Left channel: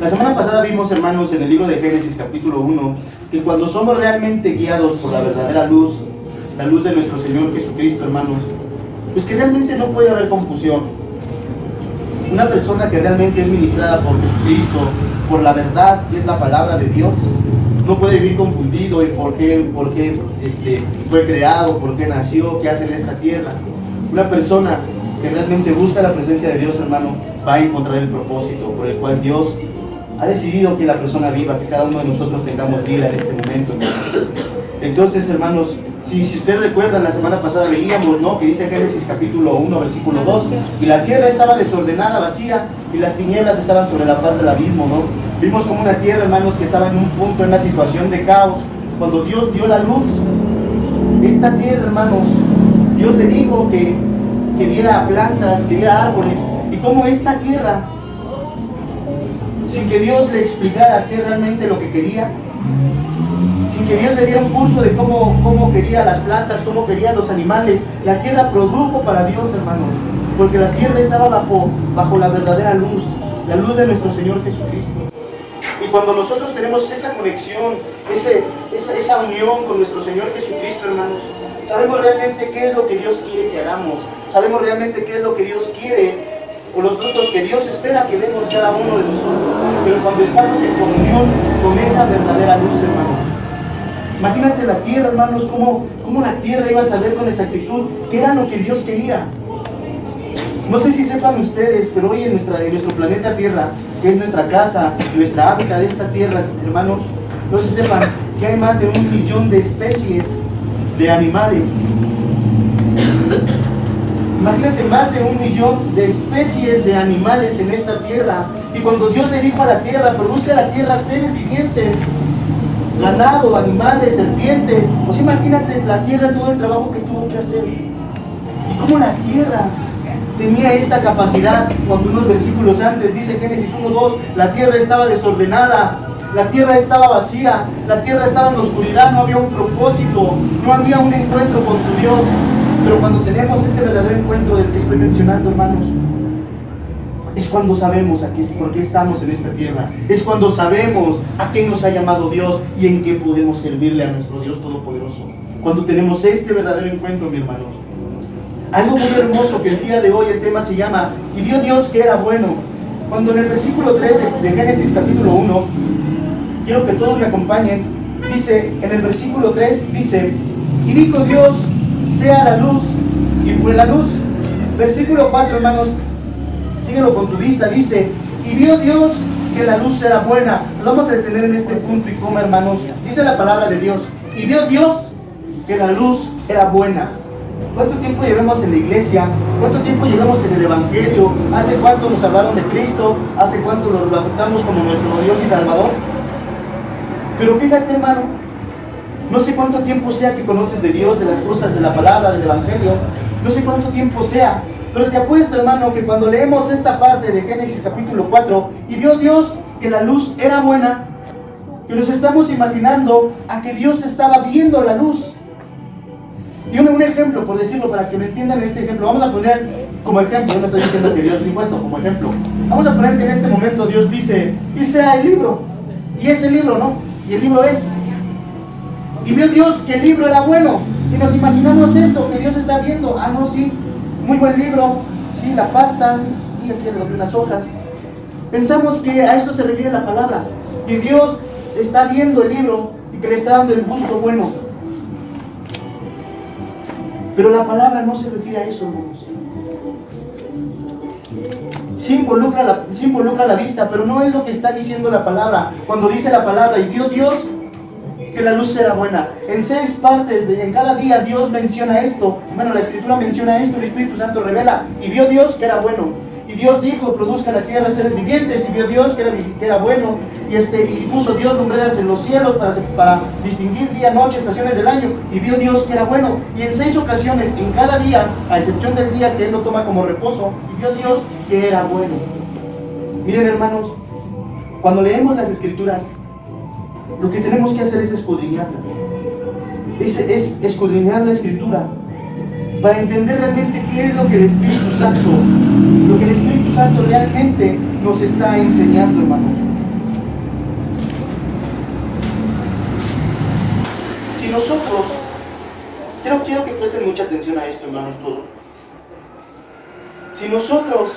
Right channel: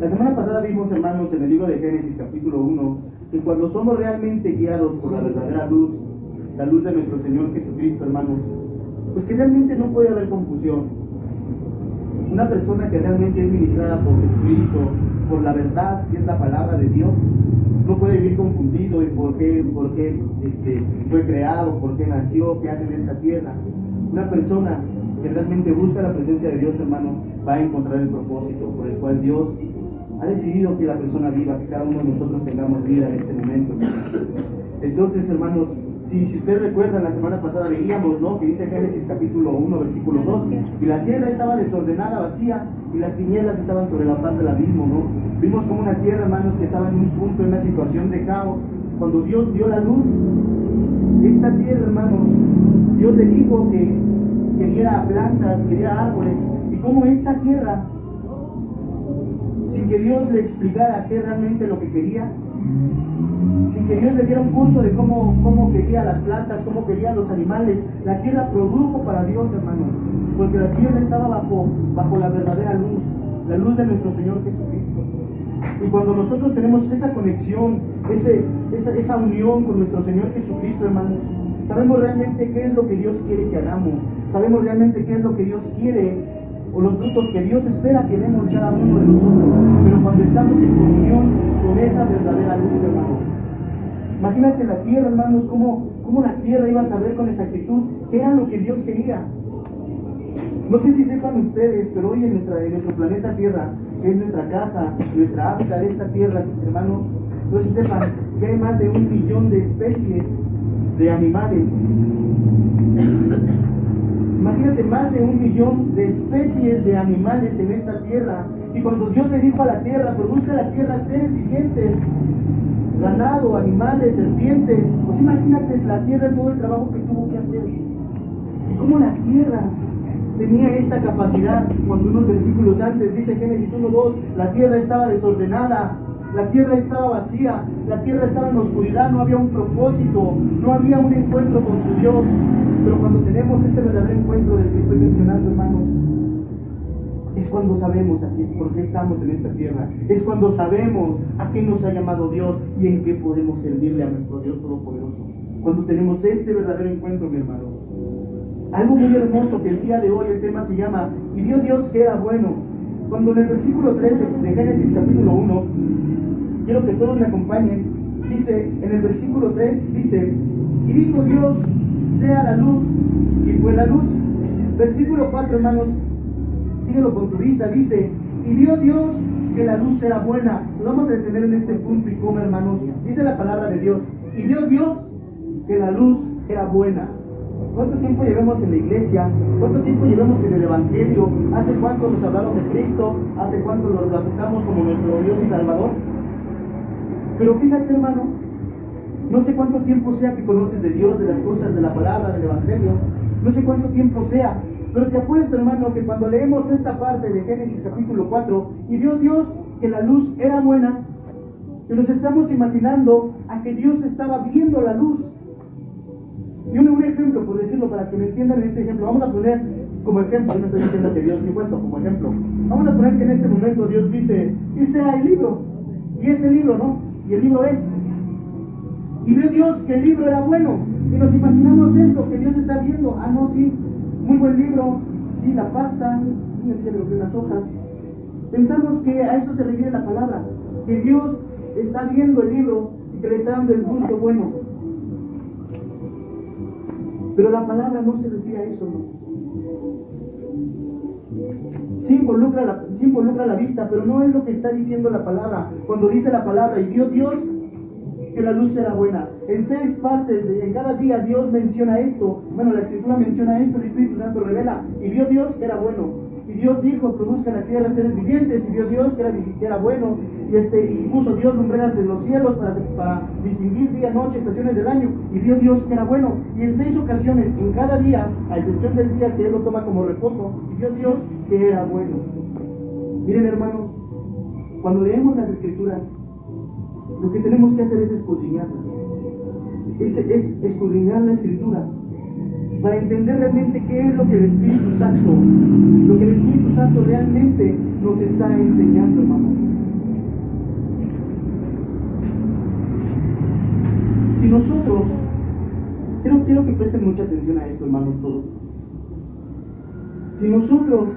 La semana pasada vimos, hermanos, en el libro de Génesis capítulo 1, que cuando somos realmente guiados por la verdadera luz, la luz de nuestro Señor Jesucristo, hermanos, pues que realmente no puede haber confusión. Una persona que realmente es ministrada por Jesucristo, por la verdad, que es la palabra de Dios, no puede vivir confundido en por qué fue creado, por qué nació, qué hace en esta tierra. Una persona que realmente busca la presencia de Dios, hermano, va a encontrar el propósito por el cual Dios ha decidido que la persona viva, que cada uno de nosotros tengamos vida en este momento, hermano. Entonces, hermanos, si ustedes recuerdan, la semana pasada veíamos, ¿no?, que dice Génesis capítulo 1, versículo 2, y la tierra estaba desordenada, vacía, y las tinieblas estaban sobre la faz del abismo, ¿no? Vimos como una tierra, hermanos, que estaba en un punto, en una situación de caos. Cuando Dios dio la luz, esta tierra, hermanos, Dios le dijo que diera plantas, que diera árboles, y como esta tierra, sin que Dios le explicara qué realmente lo que quería, sin que Dios le diera un curso de cómo quería las plantas, cómo quería los animales, la tierra produjo para Dios, hermanos, porque la tierra estaba bajo la verdadera luz, la luz de nuestro Señor Jesucristo. Y cuando nosotros tenemos esa conexión, esa unión con nuestro Señor Jesucristo, hermanos, sabemos realmente qué es lo que Dios quiere que hagamos, sabemos realmente qué es lo que Dios quiere, o los frutos que Dios espera que demos cada uno de nosotros. Pero cuando estamos en comunión con esa verdadera luz, hermanos, imagínate la tierra, hermanos, cómo la tierra iba a saber con exactitud qué era lo que Dios quería. No sé si sepan ustedes, pero hoy en nuestro planeta Tierra, que es nuestra casa, nuestra hábitat de esta tierra, hermanos, no sé si sepan que hay más de 1 millón de especies de animales. Imagínate, más de 1 millón de especies de animales en esta tierra. Y cuando Dios le dijo a la tierra, produzca la tierra seres vivientes, ganado, animales, serpientes, pues imagínate la tierra, todo el trabajo que tuvo que hacer. Y cómo la tierra tenía esta capacidad. Cuando unos versículos antes dice Génesis 1:2, la tierra estaba desordenada, la tierra estaba vacía, la tierra estaba en la oscuridad, no había un propósito, no había un encuentro con su Dios. Pero cuando tenemos este verdadero encuentro del que estoy mencionando, hermanos, es cuando sabemos por qué estamos en esta tierra, es cuando sabemos a qué nos ha llamado Dios y en qué podemos servirle a nuestro Dios Todopoderoso. Cuando tenemos este verdadero encuentro, mi hermano. Algo muy hermoso que el día de hoy el tema se llama "Y vio Dios que era bueno". Cuando en el versículo 3 de Génesis capítulo 1, quiero que todos me acompañen, dice, en el versículo 3 dice: "Y dijo Dios, sea la luz, y fue la luz". Versículo 4, hermanos, síguelo con tu vista, dice: "Y vio Dios que la luz era buena". Lo vamos a detener en este punto y coma, hermanos. Dice la palabra de Dios: "Y vio Dios que la luz era buena". ¿Cuánto tiempo llevamos en la iglesia? ¿Cuánto tiempo llevamos en el Evangelio? ¿Hace cuánto nos hablaron de Cristo? ¿Hace cuánto lo aceptamos como nuestro Dios y Salvador? Pero fíjate, hermano, no sé cuánto tiempo sea que conoces de Dios, de las cosas, de la palabra, del Evangelio. No sé cuánto tiempo sea, pero te apuesto, hermano, que cuando leemos esta parte de Génesis capítulo 4, "Y vio Dios que la luz era buena", que nos estamos imaginando a que Dios estaba viendo la luz. Y un ejemplo, por decirlo, para que me entiendan este ejemplo, vamos a poner como ejemplo, yo no estoy diciendo que Dios dijo esto, como ejemplo. Vamos a poner que en este momento Dios dice: "Y sea el libro", y es el libro, ¿no? Y el libro es. "Y vio Dios que el libro era bueno", y nos imaginamos esto, que Dios está viendo, no, sí, muy buen libro, sí, la pasta, y aquí le doblé unas hojas. Pensamos que a esto se refiere la palabra, que Dios está viendo el libro y que le está dando el gusto bueno. Pero la palabra no se refiere a eso, hermanos. Sí involucra la vista, pero no es lo que está diciendo la palabra. Cuando dice la palabra: "Y vio Dios que la luz era buena", en 6 partes, en cada día Dios menciona esto. Bueno, la Escritura menciona esto, el Espíritu Santo revela: "Y vio Dios que era bueno". Y Dios dijo: "Produzca la tierra seres vivientes", y vio Dios que era bueno. Y puso Dios lumbreras en los cielos para distinguir día, noche, estaciones del año. Y vio Dios que era bueno. Y en 6 ocasiones, en cada día, a excepción del día que Él lo toma como reposo, y vio Dios que era bueno. Miren, hermanos, cuando leemos las Escrituras, lo que tenemos que hacer es escudriñarlas. Es escudriñar la Escritura para entender realmente qué es lo que el Espíritu Santo realmente nos está enseñando, hermanos. Si nosotros, quiero que presten mucha atención a esto, hermanos, todos. Si nosotros,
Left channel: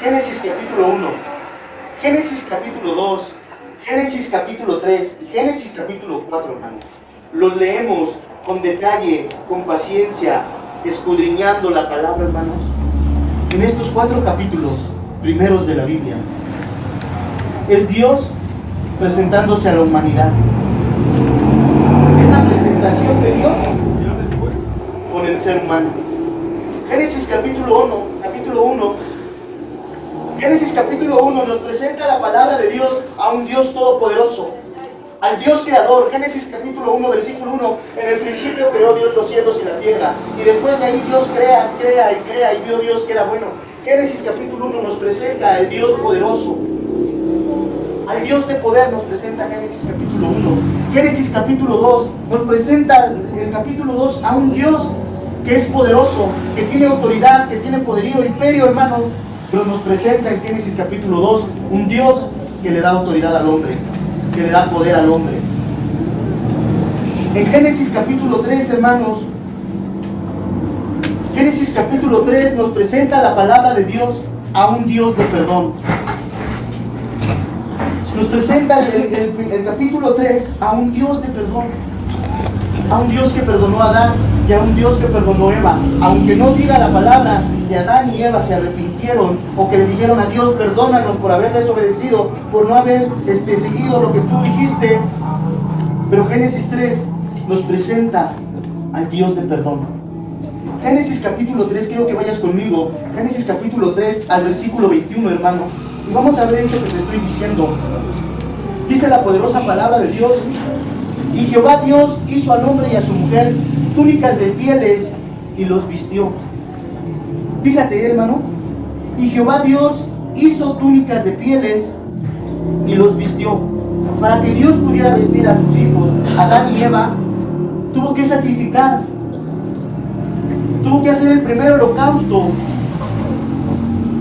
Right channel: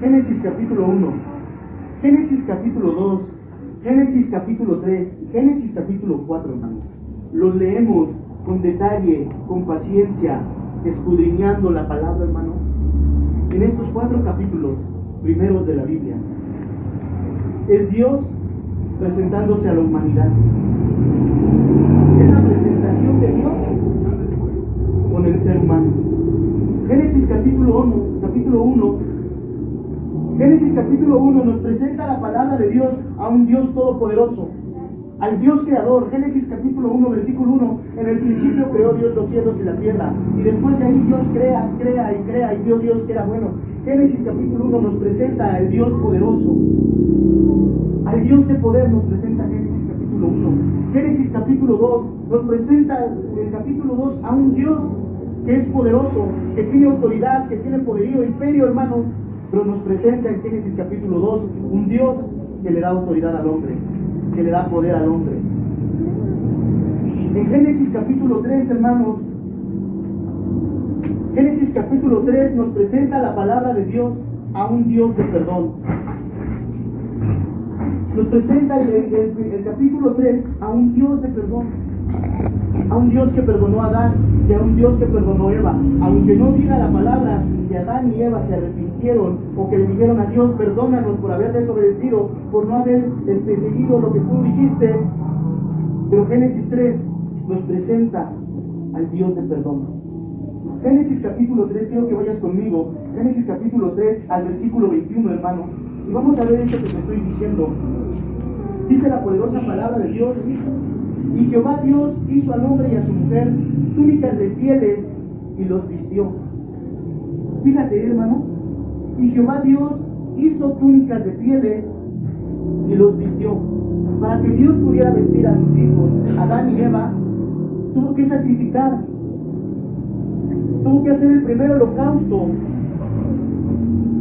Génesis capítulo 1, Génesis capítulo 2, Génesis capítulo 3 y Génesis capítulo 4, hermanos, los leemos con detalle, con paciencia, escudriñando la palabra, hermanos, en estos 4 capítulos primeros de la Biblia, es Dios presentándose a la humanidad. Es la presentación de Dios con el ser humano. Génesis capítulo 1, Génesis capítulo 1 nos presenta la palabra de Dios a un Dios todopoderoso, al Dios creador. Génesis capítulo 1, versículo 1, en el principio creó Dios los cielos y la tierra, y después de ahí Dios crea, y vio Dios que era bueno. Génesis capítulo 1 nos presenta al Dios poderoso, al Dios de poder nos presenta Génesis capítulo 1. Génesis capítulo 2 nos presenta el capítulo 2 a un Dios que es poderoso, que tiene autoridad, que tiene poderío, imperio, hermano. Pero nos presenta en Génesis capítulo 2 un Dios que le da autoridad al hombre, que le da poder al hombre. En Génesis capítulo 3, hermanos, Génesis capítulo 3 nos presenta la palabra de Dios a un Dios de perdón. Nos presenta el capítulo 3 a un Dios de perdón, a un Dios que perdonó a Adán y a un Dios que perdonó a Eva. Aunque no diga la palabra que Adán y Eva se arrepintieron o que le dijeron a Dios, perdónanos por haber desobedecido, por no haber seguido lo que tú dijiste, pero Génesis 3 nos presenta al Dios de perdón. Génesis capítulo 3, quiero que vayas conmigo, Génesis capítulo 3 al versículo 21, hermano, y vamos a ver esto que te estoy diciendo. Dice la poderosa palabra de Dios: y Jehová Dios hizo al hombre y a su mujer túnicas de pieles y los vistió. Fíjate, hermano, y Jehová Dios hizo túnicas de pieles y los vistió. Para que Dios pudiera vestir a sus hijos, Adán y Eva, tuvo que sacrificar, tuvo que hacer el primer holocausto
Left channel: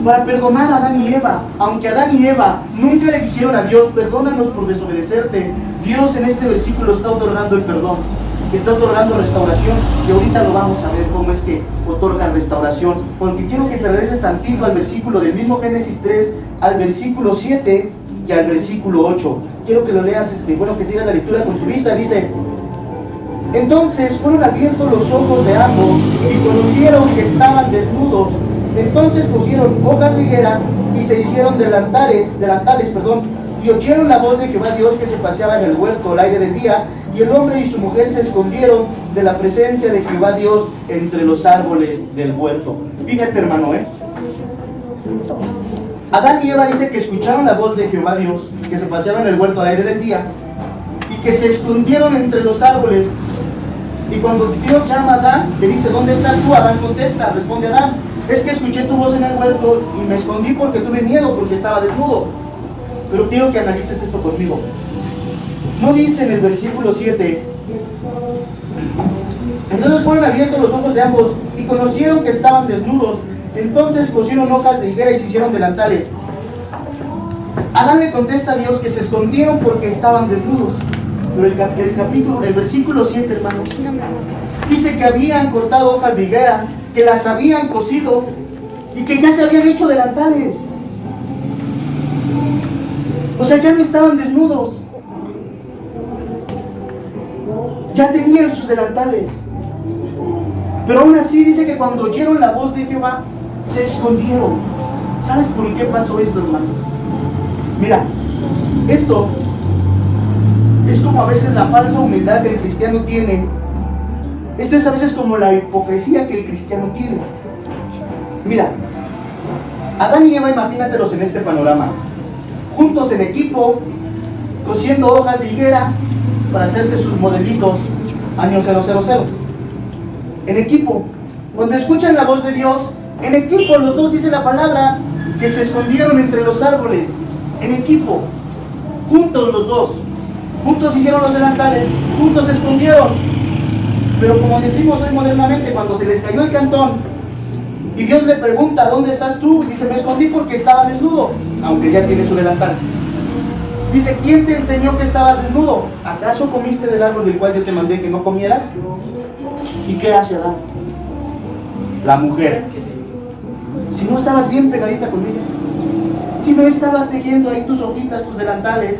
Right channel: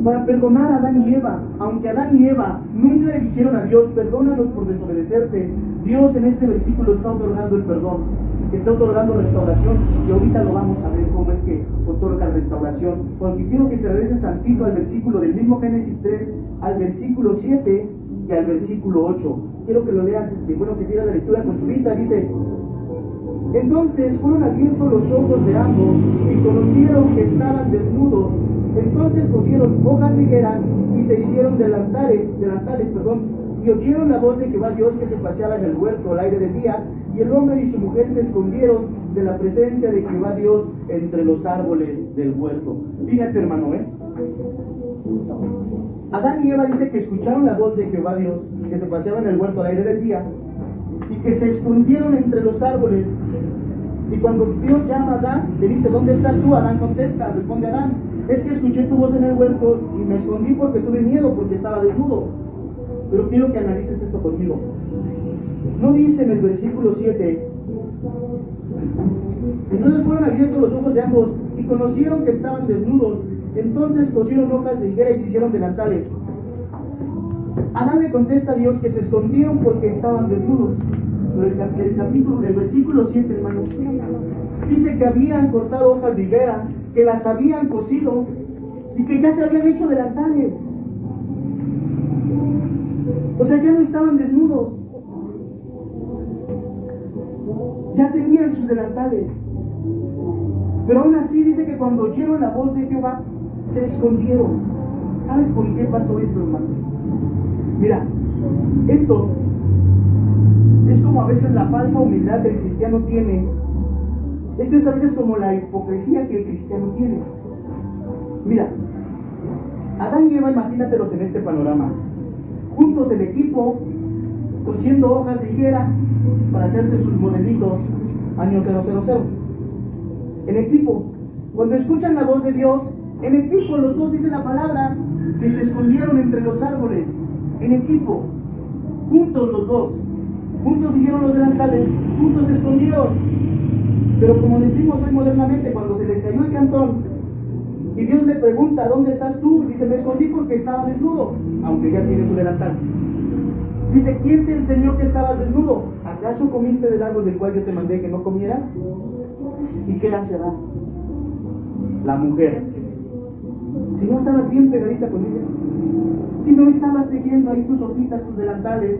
para perdonar a Adán y Eva. Aunque Adán y Eva nunca le dijeron a Dios, perdónanos por desobedecerte, Dios en este versículo está otorgando el perdón, está otorgando restauración, y ahorita lo vamos a ver cómo es que otorga restauración. Porque quiero que te regreses tantito al versículo del mismo Génesis 3, al versículo 7 y al versículo 8. Quiero que lo leas, que sigas la lectura con tu vista. Dice: entonces fueron abiertos los ojos de ambos y conocieron que estaban desnudos. Entonces cosieron hojas de higuera y se hicieron delantales, y oyeron la voz de Jehová Dios que se paseaba en el huerto al aire del día, y el hombre y su mujer se escondieron de la presencia de Jehová Dios entre los árboles del huerto. Fíjate, hermano, Adán y Eva dice que escucharon la voz de Jehová Dios que se paseaba en el huerto al aire del día, y que se escondieron entre los árboles. Y cuando Dios llama a Adán, le dice: ¿dónde estás tú? Adán contesta, responde Adán: es que escuché tu voz en el huerto y me escondí porque tuve miedo, porque estaba desnudo. Pero quiero que analices esto conmigo. No dice en el versículo 7: entonces fueron abiertos los ojos de ambos y conocieron que estaban desnudos. Entonces cosieron hojas de higuera y se hicieron delantales. Adán le contesta a Dios que se escondieron porque estaban desnudos. Pero el versículo 7, hermanos, dice que habían cortado hojas de higuera, que las habían cosido y que ya se habían hecho delantales. O sea, ya no estaban desnudos, ya tenían sus delantales. Pero aún así dice que cuando oyeron la voz de Jehová, se escondieron. ¿Sabes por qué pasó esto, hermano? Mira, esto es como a veces la falsa humildad que el cristiano tiene. Esto es a veces como la hipocresía que el cristiano tiene. Mira, Adán y Eva, imagínatelos en este panorama, juntos en equipo, cosiendo hojas de higuera para hacerse sus modelitos año 000. En equipo, cuando escuchan la voz de Dios, en equipo, los dos, dice la palabra, que se escondieron entre los árboles. En equipo, juntos los dos, juntos hicieron los delantales, juntos se escondieron. Pero como decimos hoy modernamente, cuando se les cayó el cantón y Dios le pregunta: ¿dónde estás tú? Dice: me escondí porque estaba desnudo, aunque ya tiene su delantal. Dice, ¿quién te enseñó que estabas desnudo? ¿Acaso comiste del árbol del cual yo te mandé que no comieras? ¿Y qué hace Adán? La mujer. Si no estabas bien pegadita con ella, si no estabas tejiendo ahí tus hojitas, tus delantales,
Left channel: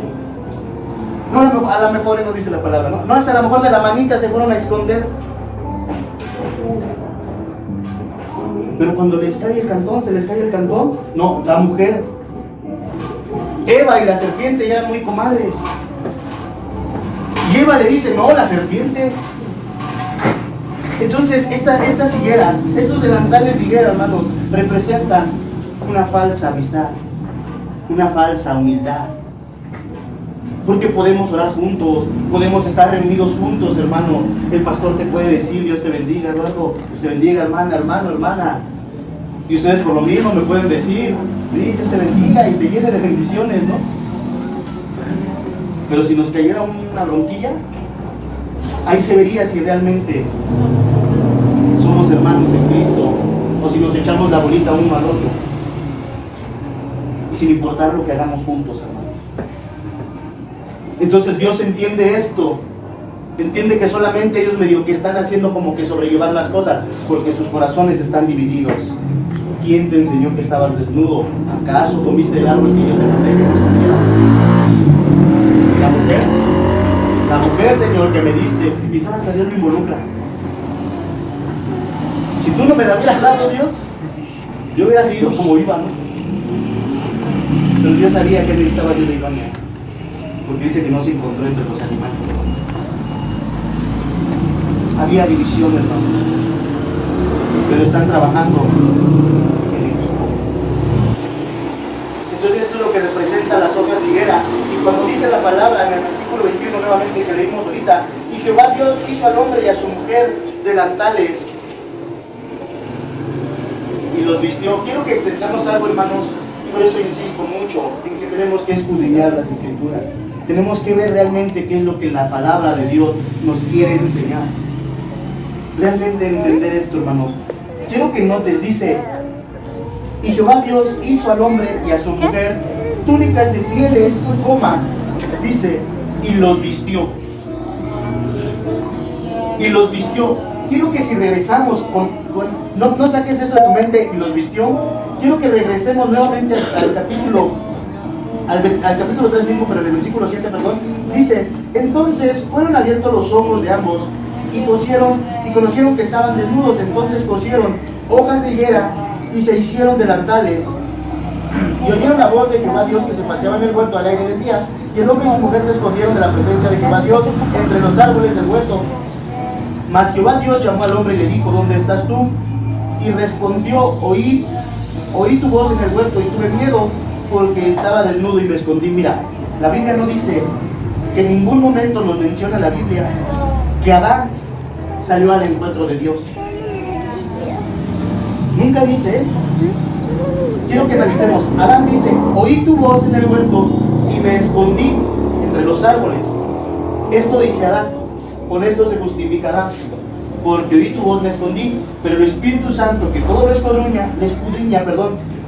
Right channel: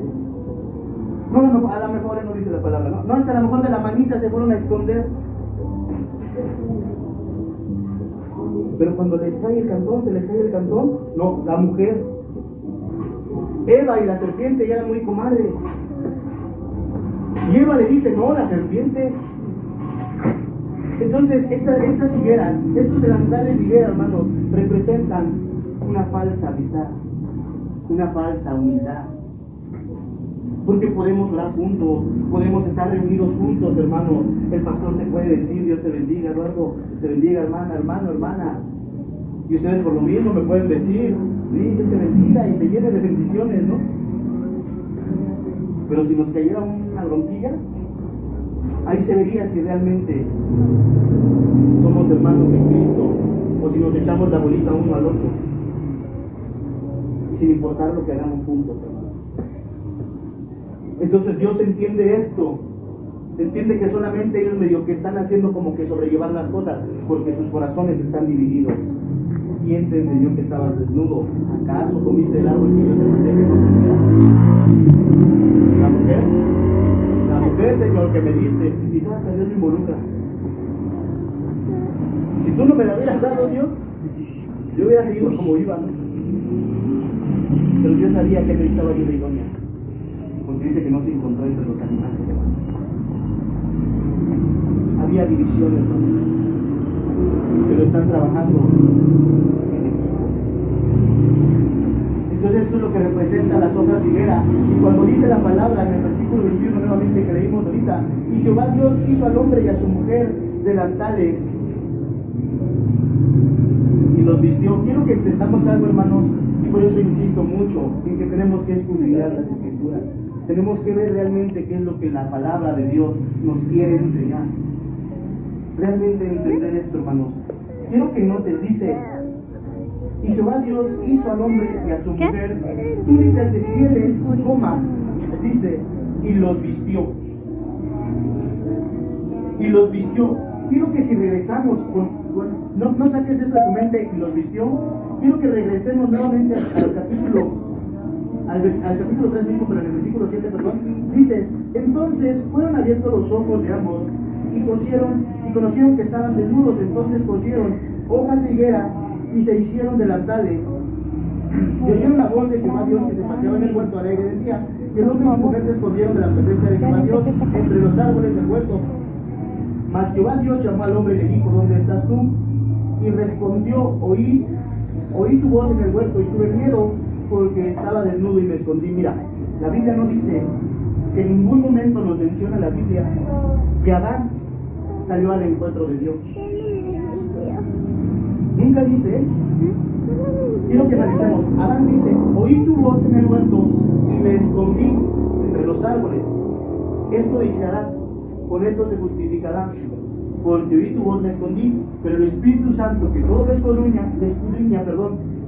no, a lo mejor no dice la palabra, no, hasta a lo mejor de la manita se fueron a esconder. Pero cuando les cae el cantón, se les cae el cantón, no, la mujer. Eva y la serpiente ya eran muy comadres. Y Eva le dice, no, la serpiente. Entonces, estas higueras, estos delantales de higuera, hermanos, representan una falsa amistad, una falsa humildad. Porque podemos orar juntos, podemos estar reunidos juntos, hermano. El pastor te puede decir, Dios te bendiga, Eduardo, Dios te bendiga, hermana, hermano, hermana. Y ustedes por lo mismo me pueden decir, Dios te bendiga y te llene de bendiciones, ¿no? Pero si nos cayera una bronquilla, ahí se vería si realmente somos hermanos en Cristo o si nos echamos la bolita uno al otro. Y sin importar lo que hagamos juntos, hermanos. Entonces Dios entiende esto. Entiende que solamente ellos medio que están haciendo como que sobrellevar las cosas porque sus corazones están divididos. ¿Quién te enseñó que estabas desnudo? ¿Acaso comiste del árbol que yo te mandé que no comieras? La mujer, Señor, que me diste, y tú hasta Dios me involucra. Si tú no me la hubieras dado, Dios, yo hubiera seguido como iba, ¿no? Pero Dios sabía que necesitaba ayuda idónea, porque dice que no se encontró entre los animales. Había división, hermano, pero están trabajando en equipo. Entonces esto es lo que representa las hojas de higuera. Y cuando dice la palabra en el versículo 21 nuevamente que leímos ahorita, y Jehová Dios hizo al hombre y a su mujer delantales y los vistió. Quiero que entendamos algo, hermanos, y por eso insisto mucho en que tenemos que escudriñar las Escrituras. Tenemos que ver realmente qué es lo que la palabra de Dios nos quiere enseñar. Realmente entender esto, hermano. Quiero que notes, dice, y Jehová Dios hizo al hombre y a su mujer túnicas de pieles, dice, y los vistió. Y los vistió. Quiero que si regresamos no saques esto de tu mente, y los vistió. Quiero que regresemos nuevamente al capítulo 3 mismo, pero en el versículo 7, perdón. Dice, entonces fueron abiertos los ojos de ambos y conocieron que estaban desnudos. Entonces cosieron hojas de higuera y se hicieron delantales. Y oyeron la voz de Jehová Dios que se paseaba en el huerto al aire del día. Y el hombre y su mujer se escondieron de la presencia de Jehová Dios entre los árboles del huerto. Mas Jehová Dios llamó al hombre y le dijo, ¿dónde estás tú? Y respondió, oí tu voz en el huerto y tuve miedo porque estaba desnudo y me escondí. Mira, la Biblia no dice, que en ningún momento nos menciona la Biblia que Adán salió al encuentro de Dios. Nunca dice. Quiero que analicemos. Adán dice, oí tu voz en el huerto y me escondí entre los árboles. Esto dice Adán. Con esto se justifica Adán. Porque oí tu voz, me escondí. Pero el Espíritu Santo, que todo lo escudriña,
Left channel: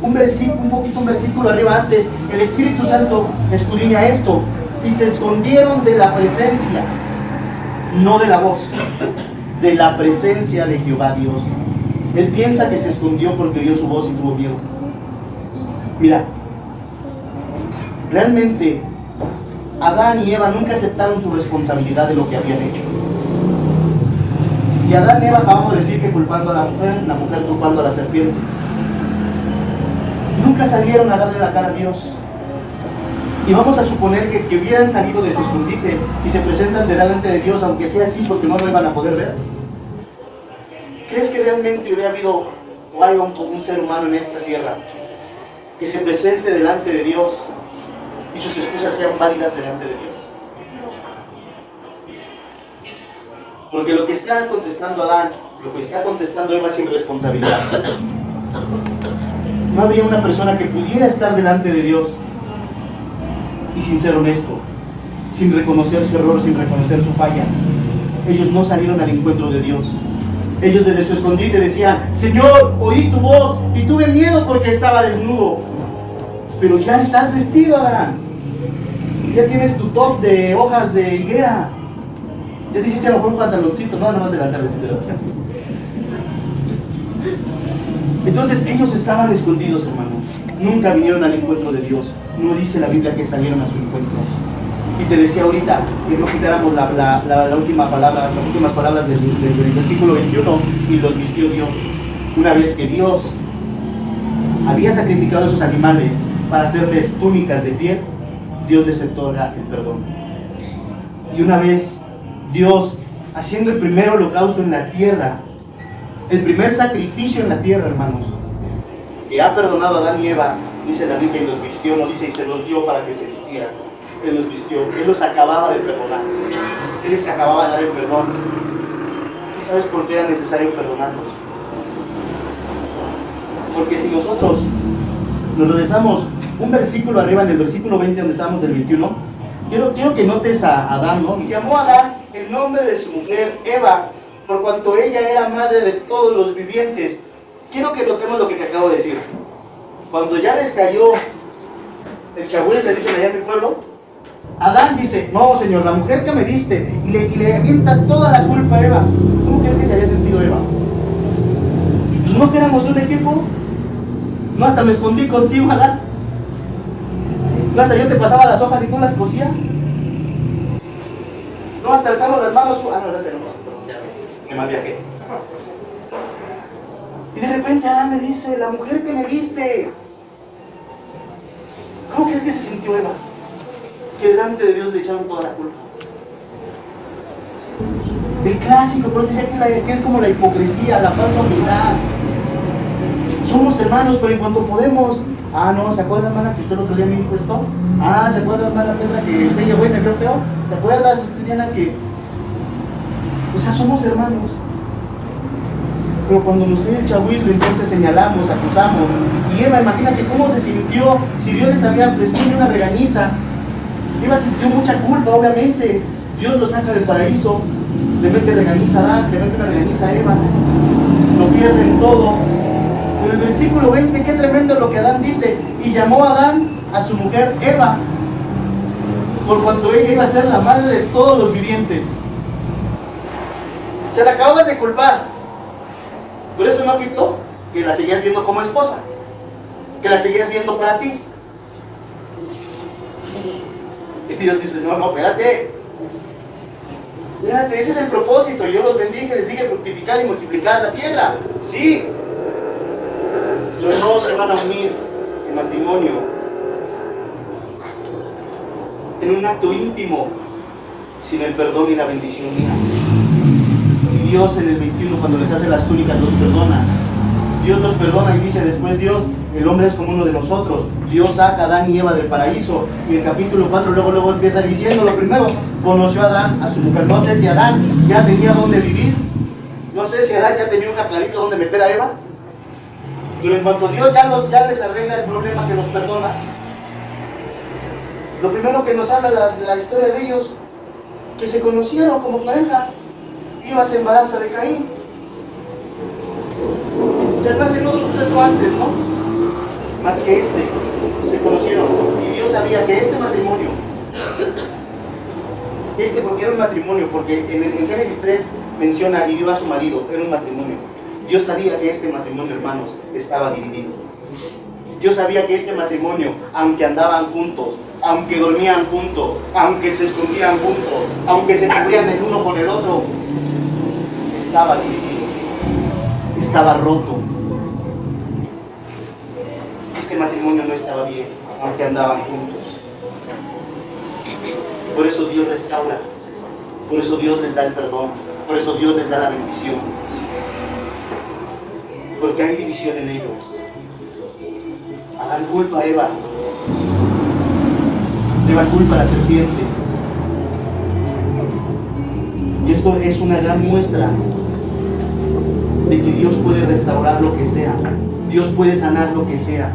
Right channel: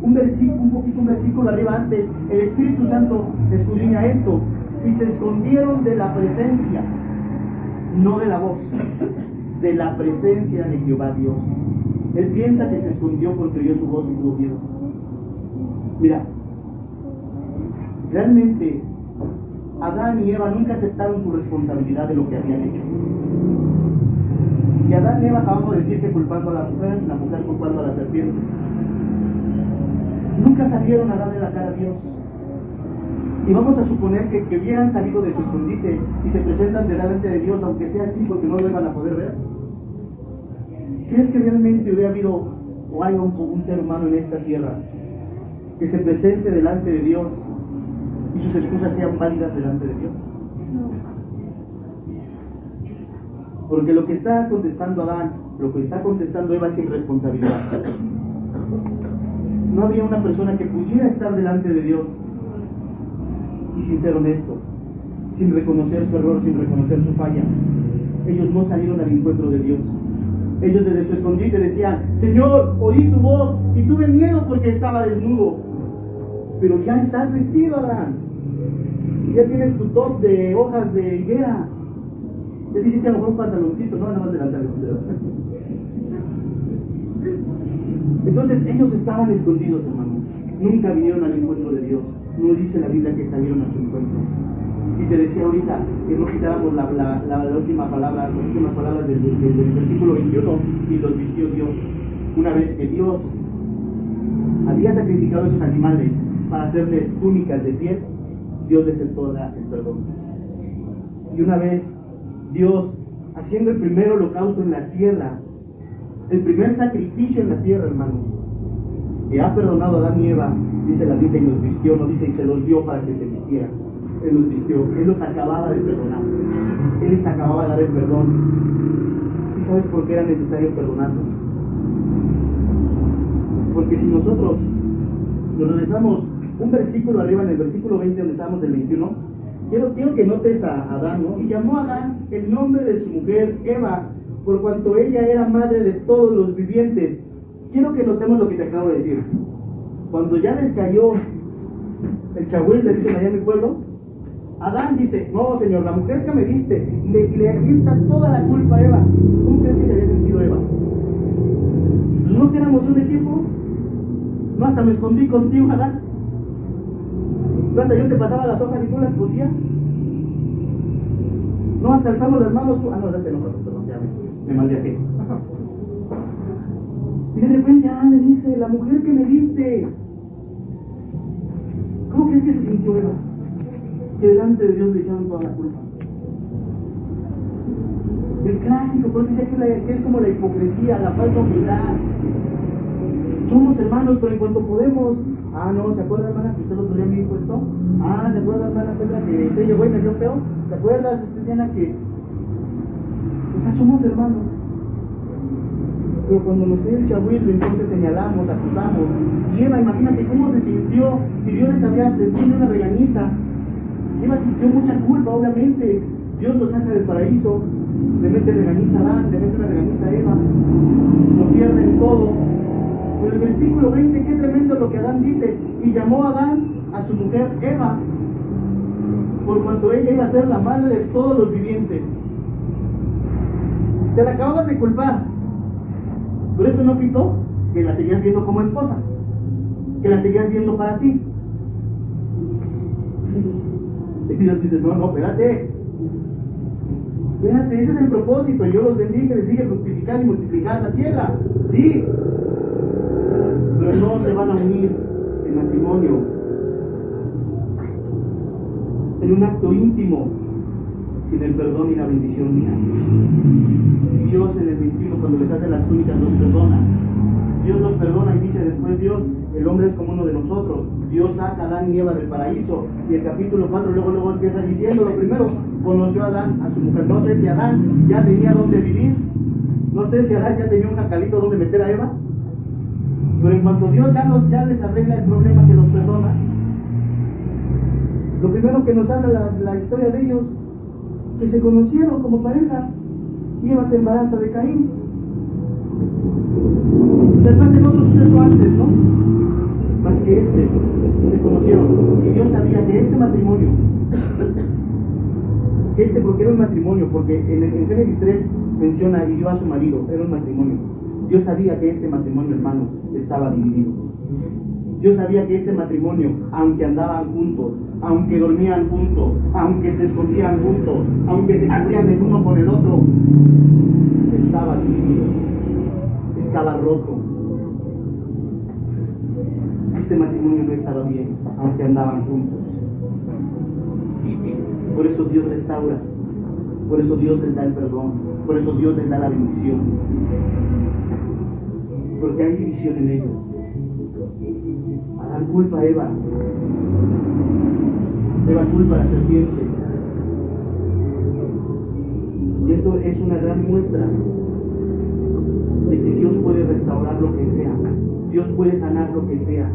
un versículo arriba antes, el Espíritu Santo escudriña esto. Y se escondieron de la presencia, no de la voz, de la presencia de Jehová Dios. Él piensa que se escondió porque oyó su voz y tuvo miedo. Mira, realmente Adán y Eva nunca aceptaron su responsabilidad de lo que habían hecho. Y Adán y Eva acabamos de decir que culpando a la mujer culpando a la serpiente. Nunca salieron a darle la cara a Dios. Y vamos a suponer que hubieran salido de su escondite y se presentan delante de Dios, aunque sea así, porque no lo iban a poder ver. ¿Crees que realmente hubiera habido o hay un ser humano en esta tierra que se presente delante de Dios y sus excusas sean válidas delante de Dios? Porque lo que está contestando Adán, lo que está contestando Eva es sin responsabilidad. No habría una persona que pudiera estar delante de Dios y sin ser honesto, sin reconocer su error, sin reconocer su falla. Ellos no salieron al encuentro de Dios. Ellos desde su escondite decían, Señor, oí tu voz y tuve miedo porque estaba desnudo. Pero ya estás vestido, Adán. Ya tienes tu top de hojas de higuera. Ya te hiciste a lo mejor un pantaloncito, no, nada más de la tarde. Entonces ellos estaban escondidos, hermano. Nunca vinieron al encuentro de Dios. No dice la Biblia que salieron a su encuentro. Y te decía ahorita que no quitáramos la última palabra, las últimas palabras del versículo 21, y los vistió Dios. Una vez que Dios había sacrificado a esos animales para hacerles túnicas de piel, Dios les otorga el perdón. Y una vez Dios haciendo el primer holocausto en la tierra, el primer sacrificio en la tierra, hermanos, que ha perdonado a Adán y Eva, dice la Biblia, y los vistió, no dice y se los dio para que se vistieran. Él los vistió, Él los acababa de perdonar, Él les acababa de dar el perdón. ¿Y sabes por qué era necesario perdonarlos? Porque si nosotros nos regresamos un versículo arriba, en el versículo 20 donde estábamos del 21, quiero que notes a Adán, ¿no? Y llamó a Adán el nombre de su mujer Eva, por cuanto ella era madre de todos los vivientes. Quiero que notemos lo que te acabo de decir. Cuando ya les cayó el chabuel, le dicen allá en mi pueblo, Adán dice, no señor, la mujer que me diste, y le avienta toda la culpa a Eva. ¿Cómo crees que se había sentido Eva? Pues no que éramos un equipo. No, hasta me escondí contigo, Adán. No, hasta yo te pasaba las hojas y tú las cosías. No, hasta alzamos las manos. Ah, no, gracias, no pasa, perdón, ya me mal viajé. Y de repente Adán le dice, la mujer que me diste. ¿Cómo crees que se sintió Eva? Que delante de Dios le echaron toda la culpa. El clásico, pero decía que es como la hipocresía, la falsa humildad. Somos hermanos, pero en cuanto podemos, ah, no, ¿se acuerda, hermana, que usted el otro día me dijo esto? Ah, ¿se acuerda, hermana Pedra, que usted llegó y me vio feo? ¿Te acuerdas, Diana, que...? O sea, somos hermanos. Pero cuando nos cae el chabuismo, entonces señalamos, acusamos. Y Eva, imagínate cómo se sintió, si Dios les había prestado una regañiza. Eva sintió mucha culpa, obviamente. Dios lo saca del paraíso, le mete regañiza a Adán, le mete una regañiza a Eva. Lo pierden todo. Pero el versículo 20, qué tremendo lo que Adán dice. Y llamó a Adán a su mujer Eva, por cuanto ella iba a ser la madre de todos los vivientes. Se la acababas de culpar. Por eso no quitó que la seguías viendo como esposa, que la seguías viendo para ti. Y Dios dice, no, espérate, ese es el propósito. Yo los bendije, les dije fructificar y multiplicar la tierra. Sí, pero no se van a unir en matrimonio, en un acto íntimo, sin el perdón y la bendición mía. Y Dios en el 21, cuando les hace las túnicas, los perdona. Dios los perdona y dice después Dios, el hombre es como uno de nosotros. Dios saca a Adán y Eva del paraíso. Y el capítulo 4 luego empieza diciendo, lo primero, conoció a Adán, a su mujer. No sé si Adán ya tenía dónde vivir. No sé si Adán ya tenía un jacalito donde meter a Eva. Pero en cuanto Dios ya les arregla el problema, que los perdona, lo primero que nos habla la historia de ellos, que se conocieron como pareja. Eva se embaraza de Caín. Se hacen otros sucesos antes, ¿no? Más que se conocieron. Y Dios sabía que este matrimonio, porque era un matrimonio, porque en Génesis 3 menciona y dio a su marido, era un matrimonio. Dios sabía que este matrimonio, hermanos, estaba dividido. Dios sabía que este matrimonio, aunque andaban juntos, aunque dormían juntos, aunque se escondían juntos, aunque se cubrían el uno con el otro, estaba dividido, estaba roto. Este matrimonio no estaba bien, aunque andaban juntos. Por eso Dios restaura, por eso Dios les da el perdón, por eso Dios les da la bendición. Porque hay división en ellos. Hagan culpa a Eva, Eva culpa a la serpiente. Y esto es una gran muestra de que Dios puede restaurar lo que sea, Dios puede sanar lo que sea.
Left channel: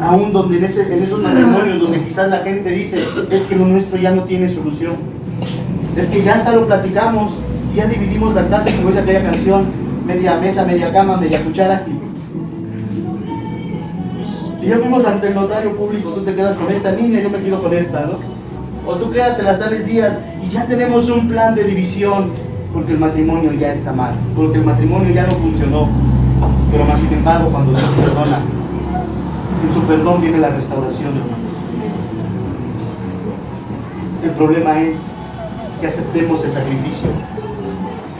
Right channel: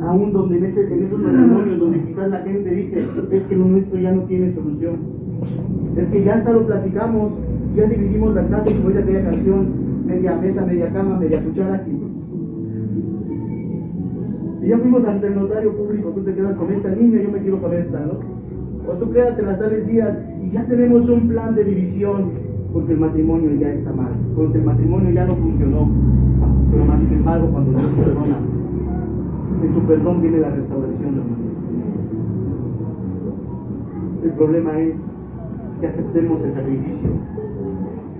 Aún donde en esos matrimonios donde quizás la gente dice, es que lo nuestro ya no tiene solución, es que ya hasta lo platicamos, ya dividimos la casa, como dice aquella canción, media mesa, media cama, media cuchara. Y ya fuimos ante el notario público, tú te quedas con esta niña, yo me quedo con esta, ¿no? O tú quédate las tales días y ya tenemos un plan de división, porque el matrimonio ya está mal, porque el matrimonio ya no funcionó. Pero más sin embargo, cuando Dios perdona, en su perdón viene la restauración, hermano. El problema es que aceptemos el sacrificio,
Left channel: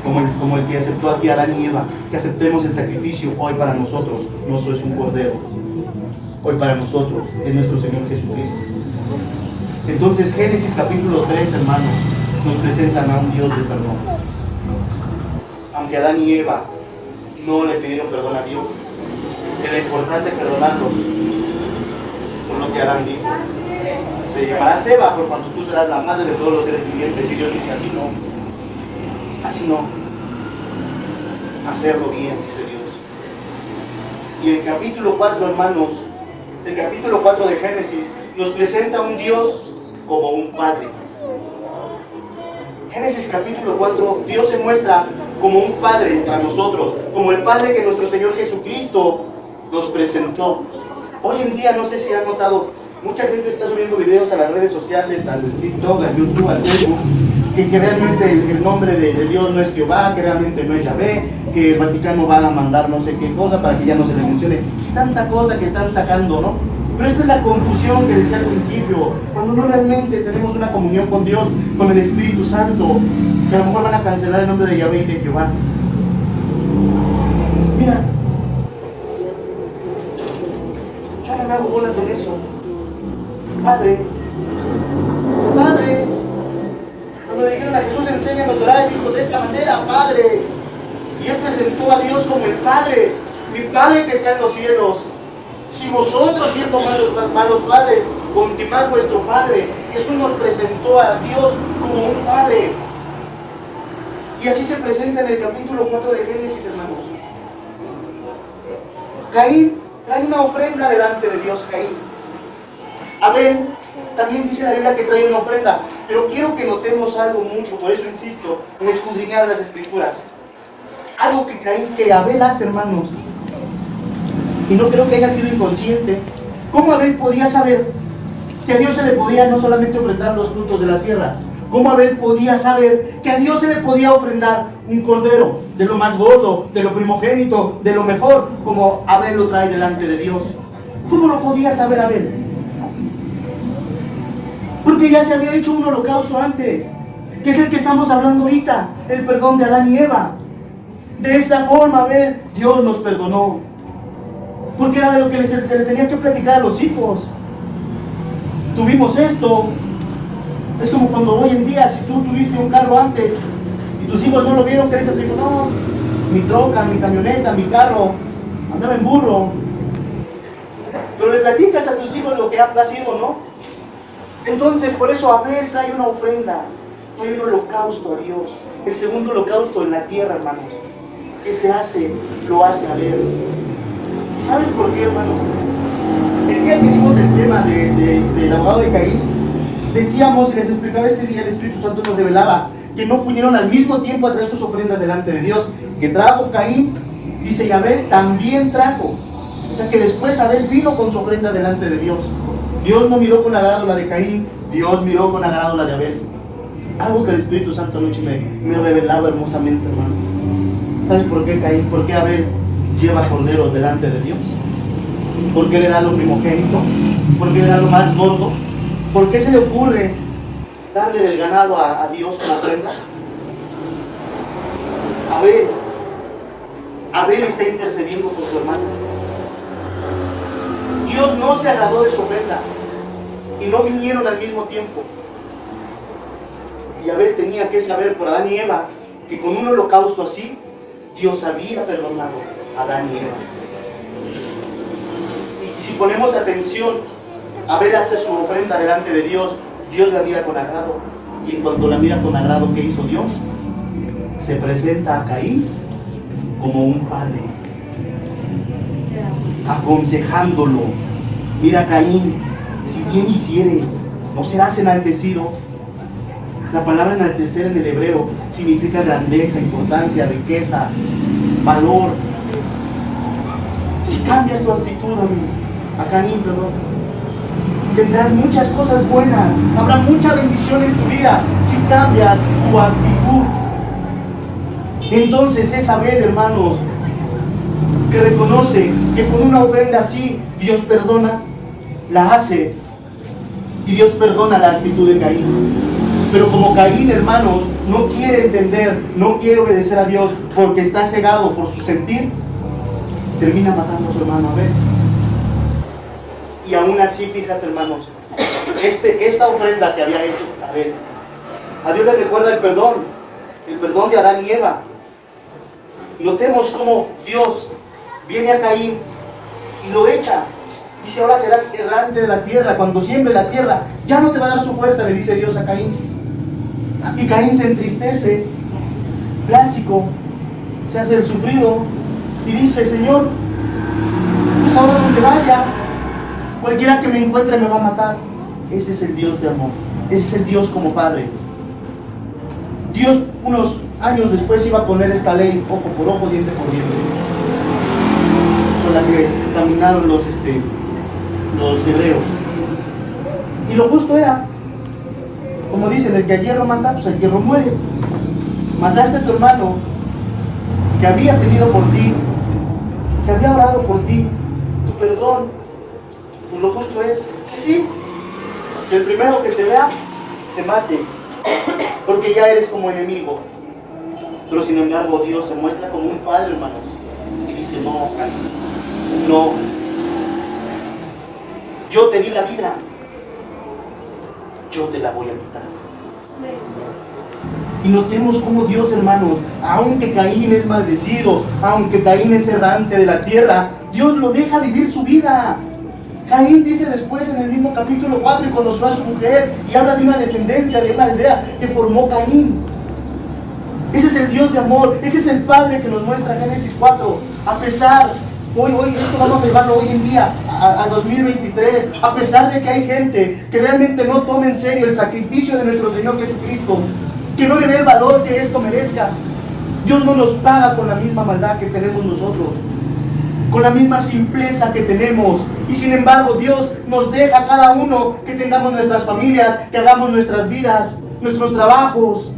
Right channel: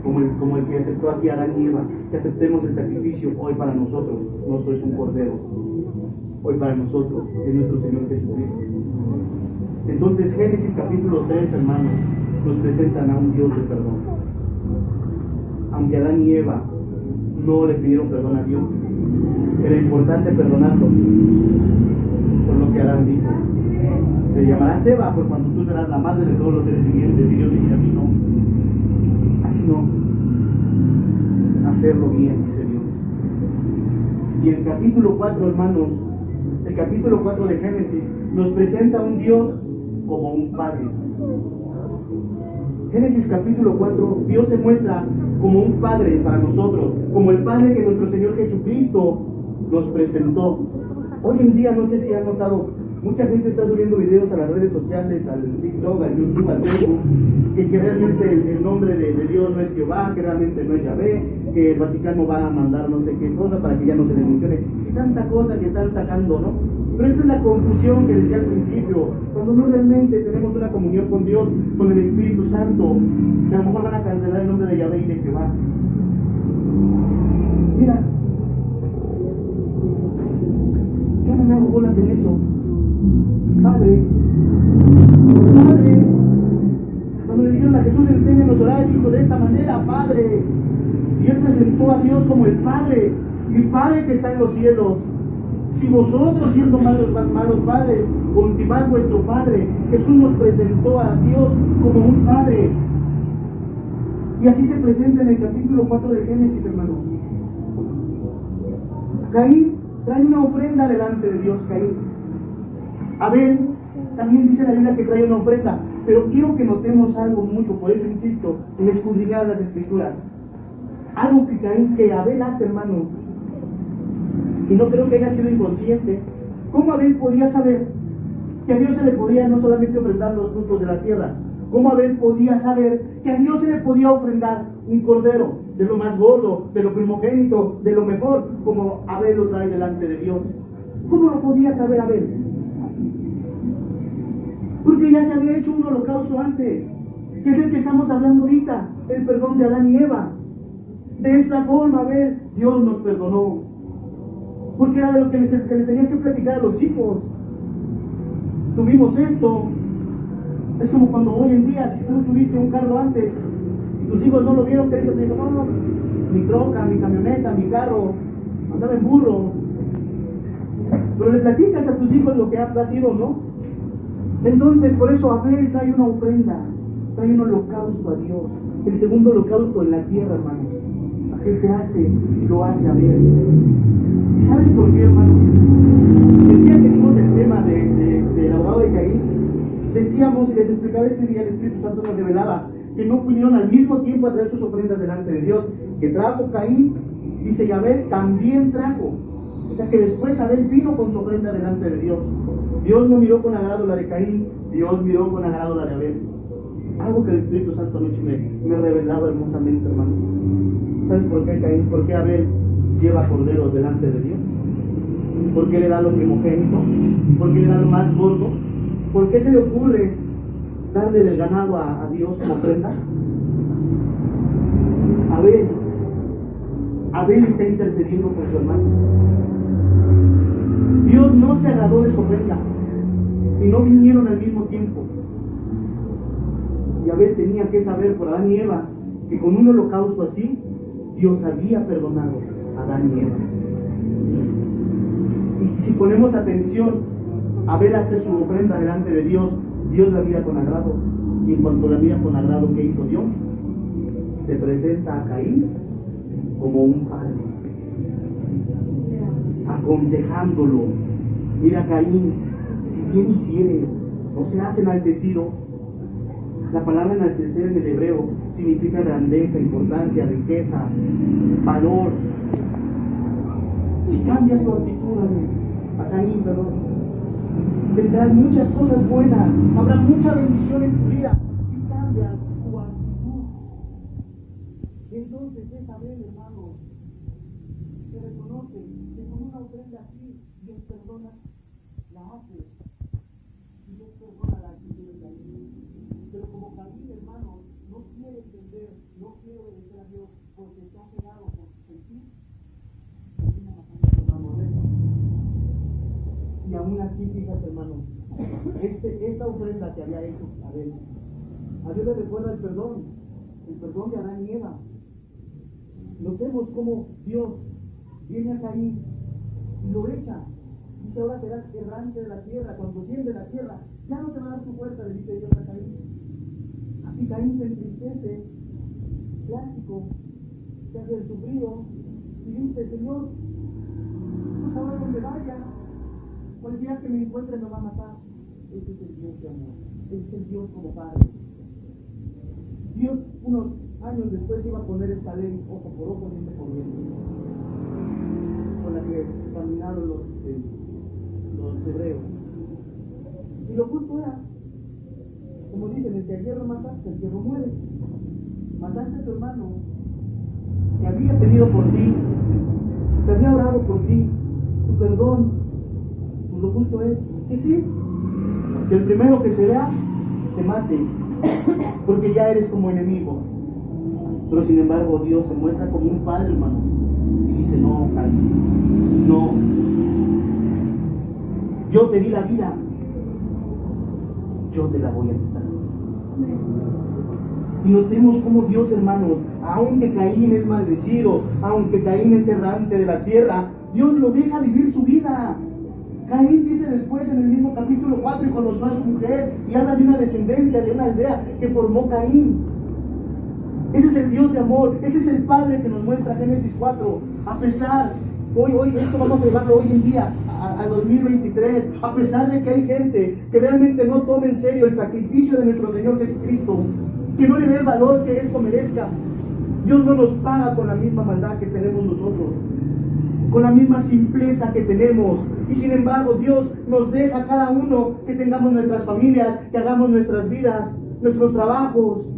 como el que aceptó aquí Adán y Eva, que aceptemos el sacrificio hoy para nosotros. No es un cordero, hoy para nosotros es nuestro Señor Jesucristo. Entonces Génesis capítulo 3, hermano, nos presentan a un Dios de perdón. Aunque Adán y Eva no le pidieron perdón a Dios, era importante perdonarlos por lo que Adán dijo. Se llamará Eva por cuanto tú serás la madre de todos los seres vivientes. Y Dios dice, así no, hacerlo bien, dice Dios. Y el capítulo 4, hermanos, el capítulo 4 de Génesis nos presenta a un Dios como un padre. Génesis capítulo 4, Dios se muestra como un padre para nosotros, como el padre que nuestro Señor Jesucristo nos presentó. Hoy en día, no sé si han notado, mucha gente está subiendo videos a las redes sociales, al TikTok, al YouTube, al Facebook, que realmente el nombre de Dios no es Jehová, que realmente no es Yahvé, que el Vaticano va a mandar no sé qué cosa para que ya no se le mencione. Tanta cosa que están sacando, ¿no? Pero esta es la confusión que decía al principio, cuando no realmente tenemos una comunión con Dios, con el Espíritu Santo, que a lo mejor van a cancelar el nombre de Yahvé y de Jehová. Mira, yo no me hago bolas en eso. Padre, cuando le dijeron a Jesús, enséñanos a orar, dijo de esta manera, Padre. Y él presentó a Dios como el Padre, mi Padre que está en los cielos. Si vosotros, siendo malos padres, contimás vuestro Padre, Jesús nos presentó a Dios como un Padre. Y así se presenta en el capítulo 4 de Génesis, hermanos. Caín trae una ofrenda delante de Dios, Caín. Abel también dice la Biblia que trae una ofrenda, pero quiero que notemos algo mucho, por eso insisto en escudriñar las Escrituras. Algo que Abel hace, hermanos, y no creo que haya sido inconsciente. ¿Cómo Abel podía saber que a Dios se le podía no solamente ofrendar los frutos de la tierra? ¿Cómo Abel podía saber que a Dios se le podía ofrendar un cordero, de lo más gordo, de lo primogénito, de lo mejor, como Abel lo trae delante de Dios? ¿Cómo lo podía saber Abel? Porque ya se había hecho un holocausto antes, que es el que estamos hablando ahorita, el perdón de Adán y Eva. De esta forma, Abel, Dios nos perdonó. Porque era de lo que le tenía que platicar a los hijos. Tuvimos esto. Es como cuando hoy en día, si tú tuviste un carro antes y tus hijos no lo vieron, crees, te digo, no, mi troca, mi camioneta, mi carro, andaba en burro. Pero le platicas a tus hijos lo que ha sido, ¿no? Entonces, por eso Abel trae una ofrenda, trae un holocausto a Dios. El segundo holocausto en la tierra, hermanos, que se hace, lo hace Abel. ¿Y sabes por qué, hermano? El día que dimos el tema del abogado de Caín, decíamos y les explicaba ese día, el Espíritu Santo nos revelaba que no vinieron al mismo tiempo a traer sus ofrendas delante de Dios, que trajo Caín, dice, y Abel también trajo. O sea que después Abel vino con su ofrenda delante de Dios. Dios no miró con agrado la de Caín, Dios miró con agrado la de Abel. Algo que el Espíritu Santo anoche me revelaba hermosamente, hermano. ¿Sabes por qué Caín? ¿Por qué Abel lleva corderos delante de Dios? ¿Por qué le da lo primogénito? ¿Por qué le da lo más gordo? ¿Por qué se le ocurre darle del ganado a Dios como ofrenda? Abel está intercediendo por su hermano. Dios no se agradó de su ofrenda y no vinieron al mismo tiempo. Y Abel tenía que saber por Adán y Eva que con un holocausto así Dios había perdonado a Adán y Eva. Y si ponemos atención, Abel hace su ofrenda delante de Dios, Dios la mira con agrado. Y en cuanto la mira con agrado, ¿qué hizo Dios? Se presenta a Caín como un padre, aconsejándolo. Mira, Caín, si bien hicieres, no serás enaltecido. La palabra enaltecer en el hebreo significa grandeza, importancia, riqueza, valor. Si cambias tu actitud, amigo, a Caín, perdón. Tendrás muchas cosas buenas, habrá mucha bendición en tu vida si cambias tu actitud. Entonces es Abel, hermanos, que reconoce que con una ofrenda así Dios perdona, la hace, y Dios perdona la actitud de Caín. Pero como Caín, hermanos, no quiere entender, no quiere obedecer a Dios porque está cegado por su sentir, termina matando a su hermano Abel. Y aún así, fíjate, hermanos, esta ofrenda que había hecho Abel, a Dios le recuerda el perdón de Adán y Eva. Notemos cómo Dios viene a Caín y lo echa. Dice, ahora serás errante de la tierra. Cuando siembre la tierra, ya no te va a dar su fuerza, le dice Dios a Caín. Y Caín se entristece, clásico, se hace el sufrido y dice, Señor, pues ahora donde vaya, cualquiera que me encuentre me va a matar. Ese es el Dios de amor, ese es el Dios como Padre. Dios unos años después iba a poner esta ley, ojo por ojo, diente por diente, con la que caminaron los hebreos. Y lo justo era, como dicen, el que a hierro mata, pues el hierro muere. Mataste a tu hermano, que había pedido por ti, que había orado por ti, tu perdón. Pues lo justo es que sí, que el primero que te vea, te mate, porque ya eres como enemigo. Pero sin embargo Dios se muestra como un padre, hermanos, y dice, no, Caín, no, yo te di la vida, yo te la voy a quitar. Y notemos cómo Dios, hermanos, aunque Caín es maldecido, aunque Caín es errante de la tierra, Dios lo deja vivir su vida. Caín dice después en el mismo capítulo 4, y conoció a su mujer, y habla de una descendencia, de una aldea que formó Caín. Ese es el Dios de amor, ese es el Padre que nos muestra Génesis 4. A pesar, hoy esto vamos a llevarlo hoy en día, al 2023, a pesar de que hay gente que realmente no toma en serio el sacrificio de nuestro Señor Jesucristo, que no le dé el valor que esto merezca, Dios no nos paga con la misma maldad que tenemos nosotros, con la misma simpleza que tenemos. Y sin embargo Dios nos deja a cada uno que tengamos nuestras familias, que hagamos nuestras vidas, nuestros trabajos.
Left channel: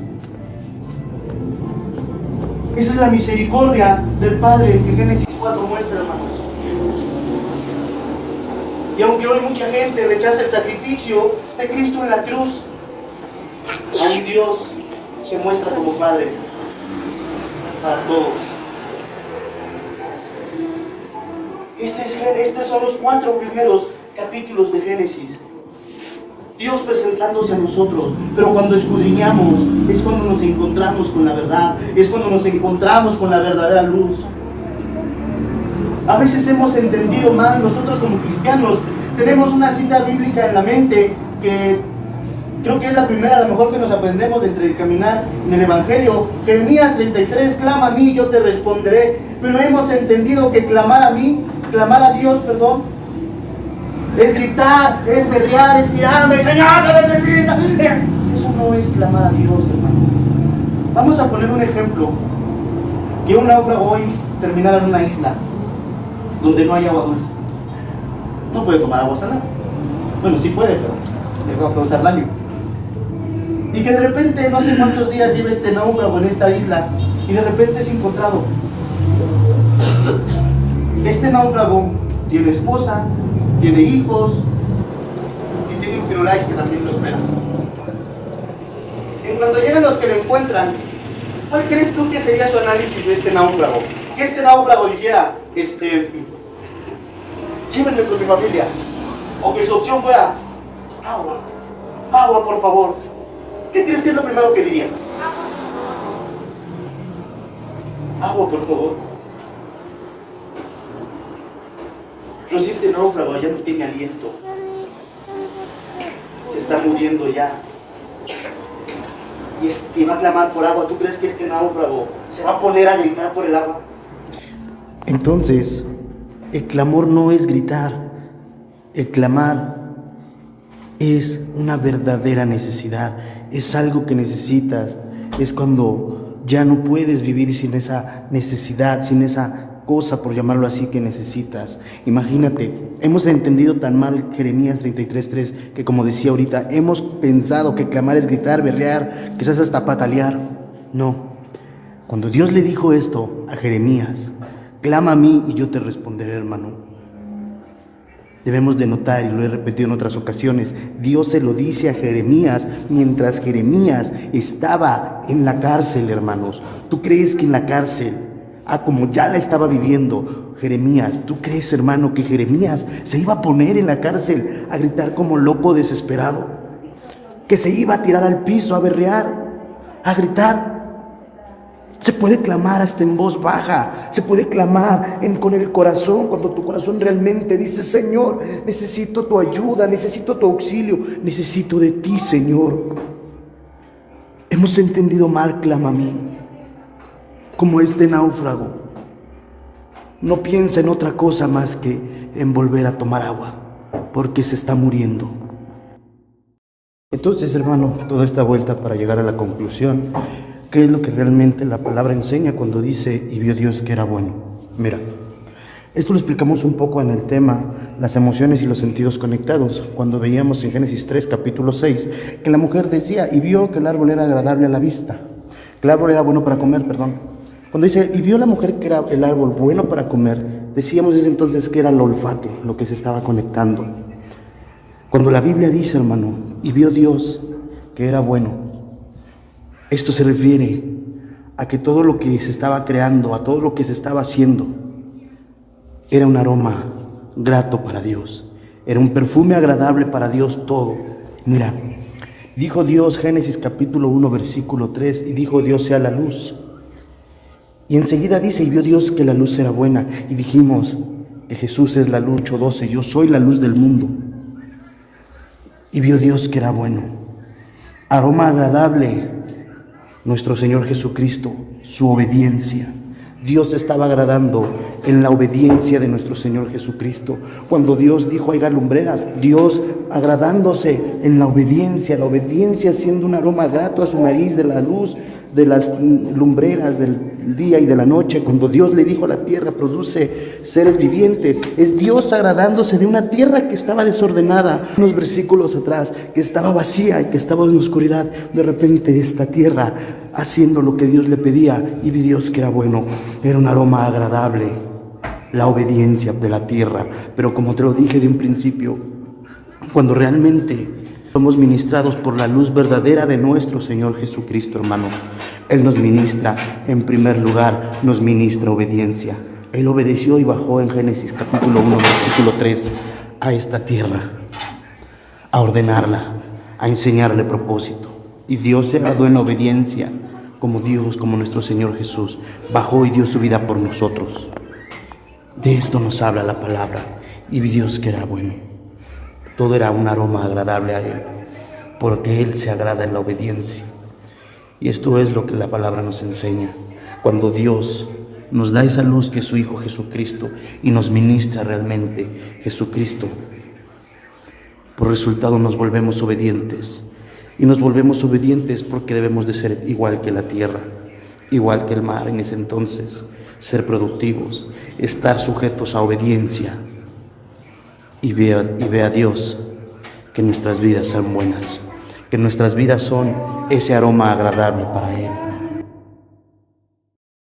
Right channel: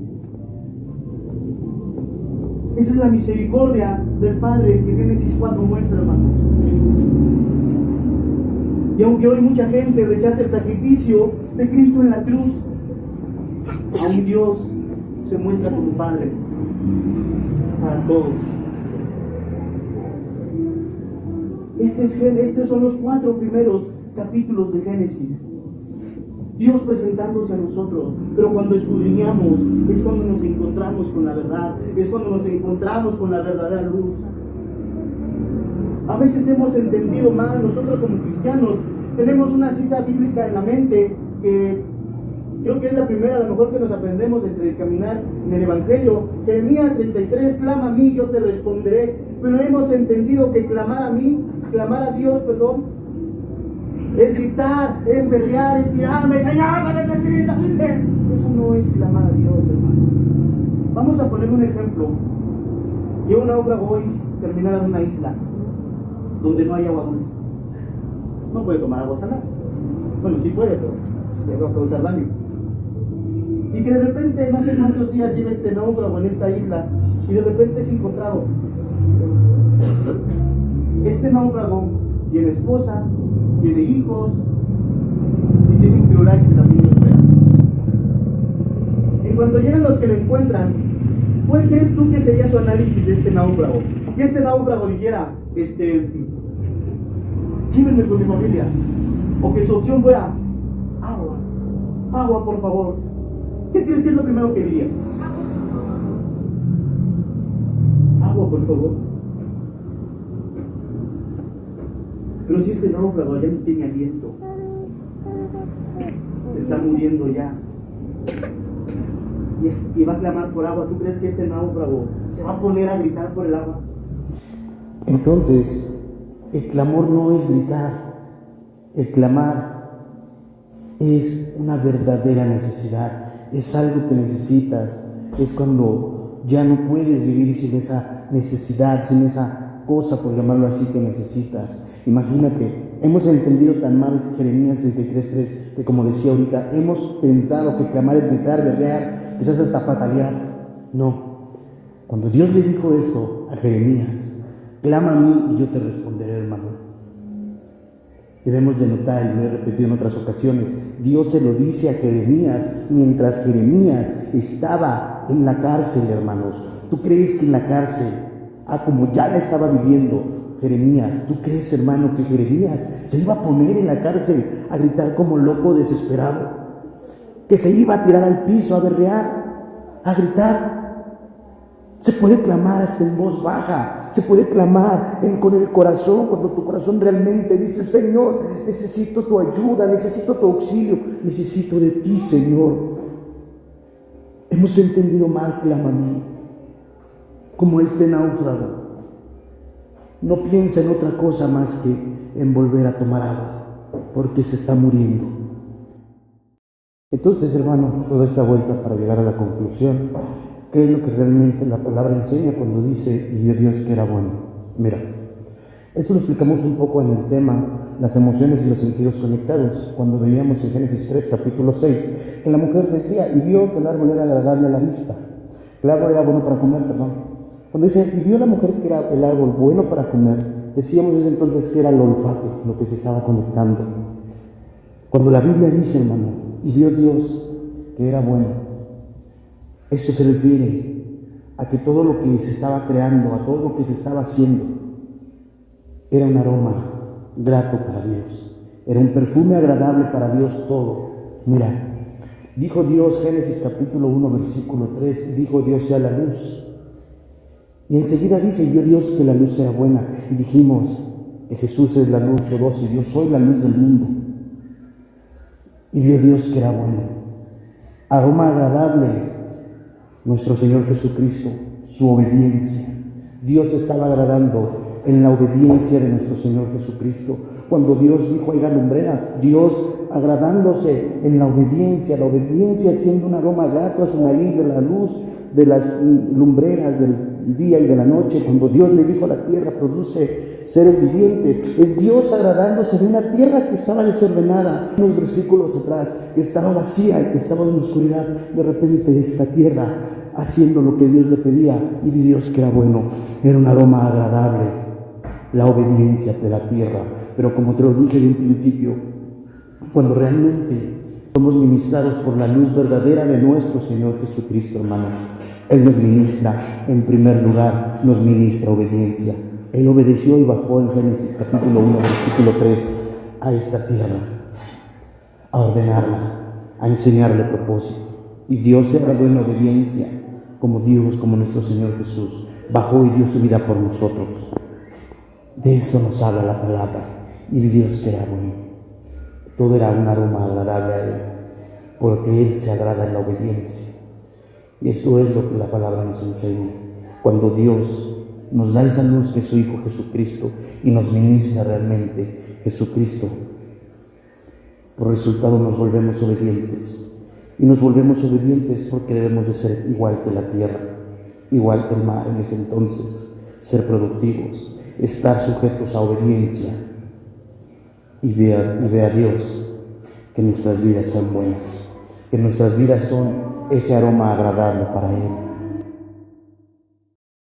Esa es la misericordia del Padre que Génesis 4 muestra, hermanos. Y aunque hoy mucha gente rechaza el sacrificio de Cristo en la cruz, aún Dios se muestra como Padre para todos. Estos son los 4 primeros capítulos de Génesis. Dios presentándose a nosotros, pero cuando escudriñamos es cuando nos encontramos con la verdad, es cuando nos encontramos con la verdadera luz. A veces hemos entendido mal, nosotros como cristianos tenemos una cita bíblica en la mente que creo que es la primera, a lo mejor que nos aprendemos de caminar en el Evangelio. Jeremías 33, clama a mí, yo te responderé. Pero hemos entendido que clamar a Dios, es gritar, es berrear, es tirarme, Señor, grita. Eso no es clamar a Dios, hermano. Vamos a poner un ejemplo. Que un náufrago hoy terminara en una isla donde no hay agua dulce. No puede tomar agua salada. Bueno, sí puede, pero le va a causar daño. Y que de repente, no sé cuántos días lleva este náufrago en esta isla, y de repente es encontrado. Este náufrago tiene esposa, tiene hijos y tiene un firulais que también lo espera. En cuanto llegan los que lo encuentran, ¿cuál crees tú que sería su análisis de este náufrago? Que este náufrago dijera, llévenme con mi familia. O que su opción fuera, agua por favor. ¿Qué crees que es lo primero que diría? Agua por favor. Pero si este náufrago ya no tiene aliento, se está muriendo ya, y va a clamar por agua, ¿tú crees que este náufrago se va a poner a gritar por el agua? Entonces, el clamor no es gritar, el clamar es una verdadera necesidad, es algo que necesitas, es cuando ya no puedes vivir sin esa necesidad, sin esa cosa, por llamarlo así, que necesitas. Imagínate, hemos entendido tan mal Jeremías 33:3 que, como decía ahorita, hemos pensado que clamar es gritar, berrear, quizás hasta patalear. No. Cuando Dios le dijo esto a Jeremías, clama a mí y yo te responderé, hermano. Debemos de notar, y lo he repetido en otras ocasiones, Dios se lo dice a Jeremías mientras Jeremías estaba en la cárcel, hermanos. ¿Tú crees que en la cárcel, como ya la estaba viviendo Jeremías, tú crees, hermano, que Jeremías se iba a poner en la cárcel a gritar como loco desesperado? Que se iba a tirar al piso a berrear, a gritar. Se puede clamar hasta en voz baja, se puede clamar con el corazón, cuando tu corazón realmente dice: Señor, necesito tu ayuda, necesito tu auxilio, necesito de ti, Señor. Hemos entendido mal, clama a mí, como este náufrago. No piensa en otra cosa más que en volver a tomar agua, porque se está muriendo. Entonces, hermano, toda esta vuelta para llegar a la conclusión, ¿qué es lo que realmente la palabra enseña cuando dice: y vio Dios que era bueno? Mira, esto lo explicamos un poco en el tema las emociones y los sentidos conectados, cuando veíamos en Génesis 3, capítulo 6, que la mujer decía: y vio que el árbol era agradable a la vista, que el árbol era bueno para comer, Cuando dice: y vio la mujer que era el árbol bueno para comer, decíamos desde entonces que era el olfato lo que se estaba conectando. Cuando la Biblia dice, hermano, y vio Dios que era bueno, esto se refiere a que todo lo que se estaba creando, a todo lo que se estaba haciendo, era un aroma grato para Dios. Era un perfume agradable para Dios todo. Mira, dijo Dios, Génesis capítulo 1, versículo 3, y dijo Dios: sea la luz. Y enseguida dice: y vio Dios que la luz era buena. Y dijimos que Jesús es la luz, 8:12, yo soy la luz del mundo. Y vio Dios que era bueno. Aroma agradable. Nuestro Señor Jesucristo, su obediencia. Dios estaba agradando en la obediencia de nuestro Señor Jesucristo. Cuando Dios dijo: haya lumbreras, Dios agradándose en la obediencia siendo un aroma grato a su nariz de la luz de las lumbreras del día y de la noche. Cuando Dios le dijo a la tierra: produce seres vivientes, es Dios agradándose de una tierra que estaba desordenada. Unos versículos atrás, que estaba vacía y que estaba en oscuridad. De repente esta tierra haciendo lo que Dios le pedía, y vi Dios que era bueno. Era un aroma agradable, la obediencia de la tierra. Pero como te lo dije de un principio, cuando realmente somos ministrados por la luz verdadera de nuestro Señor Jesucristo, hermano, Él nos ministra, en primer lugar, nos ministra obediencia. Él obedeció y bajó en Génesis capítulo 1, versículo 3, a esta tierra, a ordenarla, a enseñarle propósito. Y Dios se agradó en la obediencia, como Dios, como nuestro Señor Jesús, bajó y dio su vida por nosotros. De esto nos habla la palabra. Y vi Dios que era bueno. Todo era un aroma agradable a Él, porque Él se agrada en la obediencia. Y esto es lo que la palabra nos enseña. Cuando Dios nos da esa luz que es su Hijo Jesucristo y nos ministra realmente Jesucristo, por resultado nos volvemos obedientes. Y nos volvemos obedientes porque debemos de ser igual que la tierra, igual que el mar en ese entonces, ser productivos, estar sujetos a obediencia. Y ve a Dios que nuestras vidas son buenas, que nuestras vidas son ese aroma agradable para Él.